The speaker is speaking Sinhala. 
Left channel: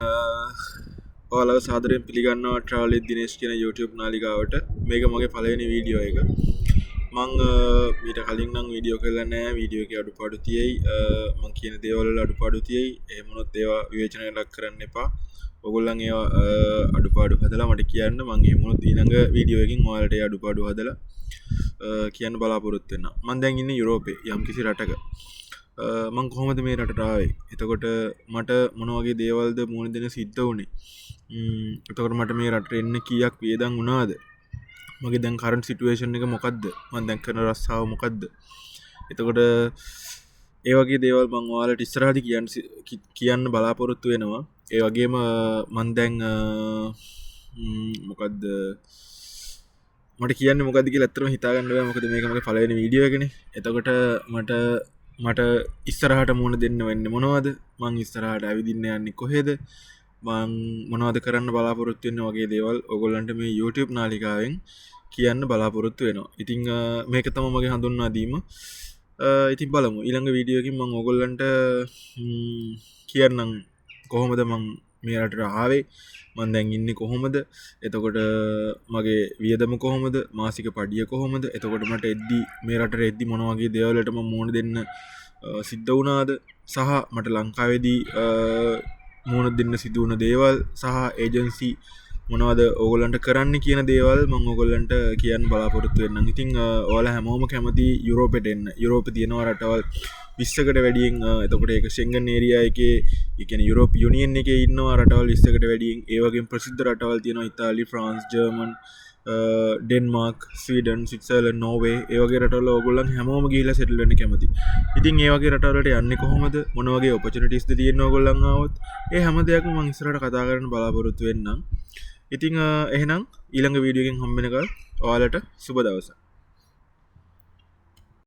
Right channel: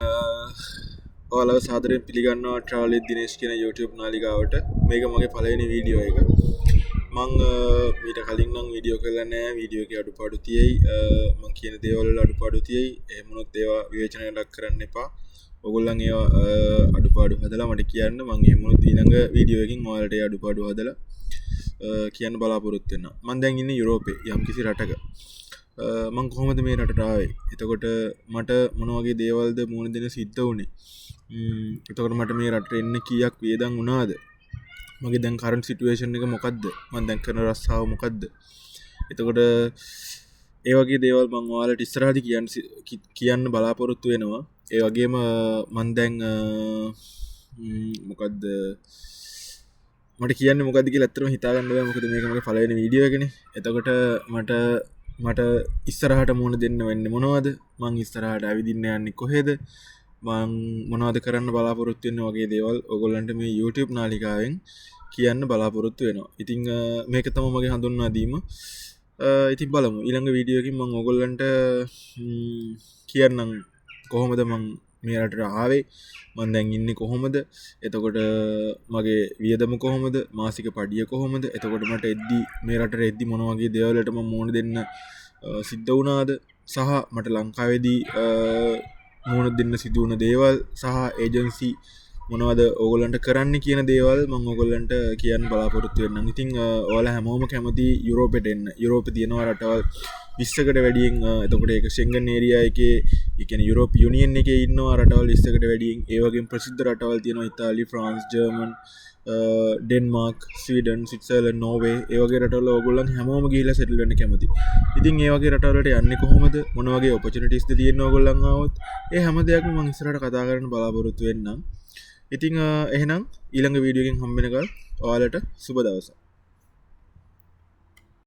ඔයාලව සාදරයෙන් පිළිගන්නවා ට්‍රාවල් විත් දිනේෂ් කියන YouTube නාලිකාවට. මේක මගේ පළවෙනි වීඩියෝ එක. මං මීට කලින් නම් වීඩියෝ කරලා නැහැ. වීඩියෝ එකේ අඩුපාඩු තියෙයි. මං කියන දේවල් වල අඩුපාඩු තියෙයි. එහෙම වුණොත් ඒවා විවේචනයට ලක් කරන්න එපා. ඔයගොල්ලන් ඒවා අඩුපාඩු හදලා මට කියන්න. මං එහෙම වුණොත් ඊළඟ වීඩියෝ එකකින් ඔයාලට ඒ අඩුපාඩු හදලා කියන්න බලාපොරොත්තු වෙනවා. මං දැන් ඉන්නේ යුරෝපේ යම්කිසි රටක. මං කොහොමද මේ රටට ආවේ? එතකොට මට මොන වගේ දේවල්ද මුණ දෙන්න සිද්ධ වුණේ? එතකොට මට මේ රටට එන්න කීයක් වේදන් වුණාද? මගේ දැන් කරන්ට් සිටුේෂන් එක මොකක්ද? මම දැන් කරන රස්සාව මොකක්ද? එතකොට ඒ වගේ දේවල් මම ඔයාලට ඉස්සරහදී කියන්න බලාපොරොත්තු වෙනවා. ඒ වගේම මම දැන් මොකද්ද මට කියන්නේ මොකද්ද කියලා ඇත්තටම හිතා ගන්න බෑ. මොකද මේක මගේ පළවෙනි වීඩියෝ එකනේ. එතකොට මට ඉස්සරහට මුණ දෙන්න වෙන්නේ මොනවද? මං ඉස්සරහට ඇවිදින්න යන්නේ කොහෙද? මං මොනවද කරන්න බලාපොරොත්තු වෙන්නේ වගේ දේවල් ඔයගොල්ලන්ට මේ YouTube නාලිකාවෙන් කියන්න බලාපොරොත්තු වෙනවා. ඉතින් මේක තමයි මගේ හඳුන්වා දීම. ඉතින් බලමු ඊළඟ වීඩියෝ එකකින් මම ඔයගොල්ලන්ට කියන්නම් කොහොමද මං මේ රටට ආවේ, මං දැන් ඉන්නේ කොහොමද, එතකොට මගේ වියදම කොහොමද, මාසික පඩිය කොහොමද, එතකොට මට එද්දි මේ රටට එද්දි මොන වගේ දේවල් වලට මම මුහුණ දෙන්න සිද්ධ වුණාද, සහ මට ලංකාවේදී මුහුණ දෙන්න සිදු වුණ දේවල් සහ ඒජන්සි මොනවද ඕගොල්ලන්ට කරන්න කියන දේවල් මම ඕගොල්ලන්ට කියන්න බලාපොරොත්තු වෙන්නම්. ඉතින් ඔයාලා හැමෝම කැමති යුරෝපෙට එන්න. යුරෝපේ තියෙනවා රටවල් 20කට වැඩියෙන්. එතකොට ඒක ෂෙන්ගන් ඒරියා එකේ, ඒ කියන්නේ යුරෝප යුනියන් එකේ ඉන්නවා රටවල් 20කට වැඩියෙන්. ඒ වගේම ප්‍රසිද්ධ රටවල් තියෙනවා Italy, France, German, Denmark, Sweden, Switzerland, Norway. ඒ වගේ රටවල ඕගොල්ලන් හැමෝම ගිහිල්ලා සෙටල් වෙන්න කැමති. ඉතින් ඒ වගේ රටවල් වලට යන්නේ කොහොමද? මොන වගේ ඔපචුනිටිස්ද තියෙන්නේ ඕගොල්ලන් ආවොත්? ඒ හැම දෙයක්ම මම ඉස්සරහට කතා කරන්න බලාපොරොත්තු වෙන්නම්. ඉතින් එහෙනම් ඊළඟ වීඩියෝ එකෙන් හම්බ වෙනකල් ඔයාලට සුබ දවසක්.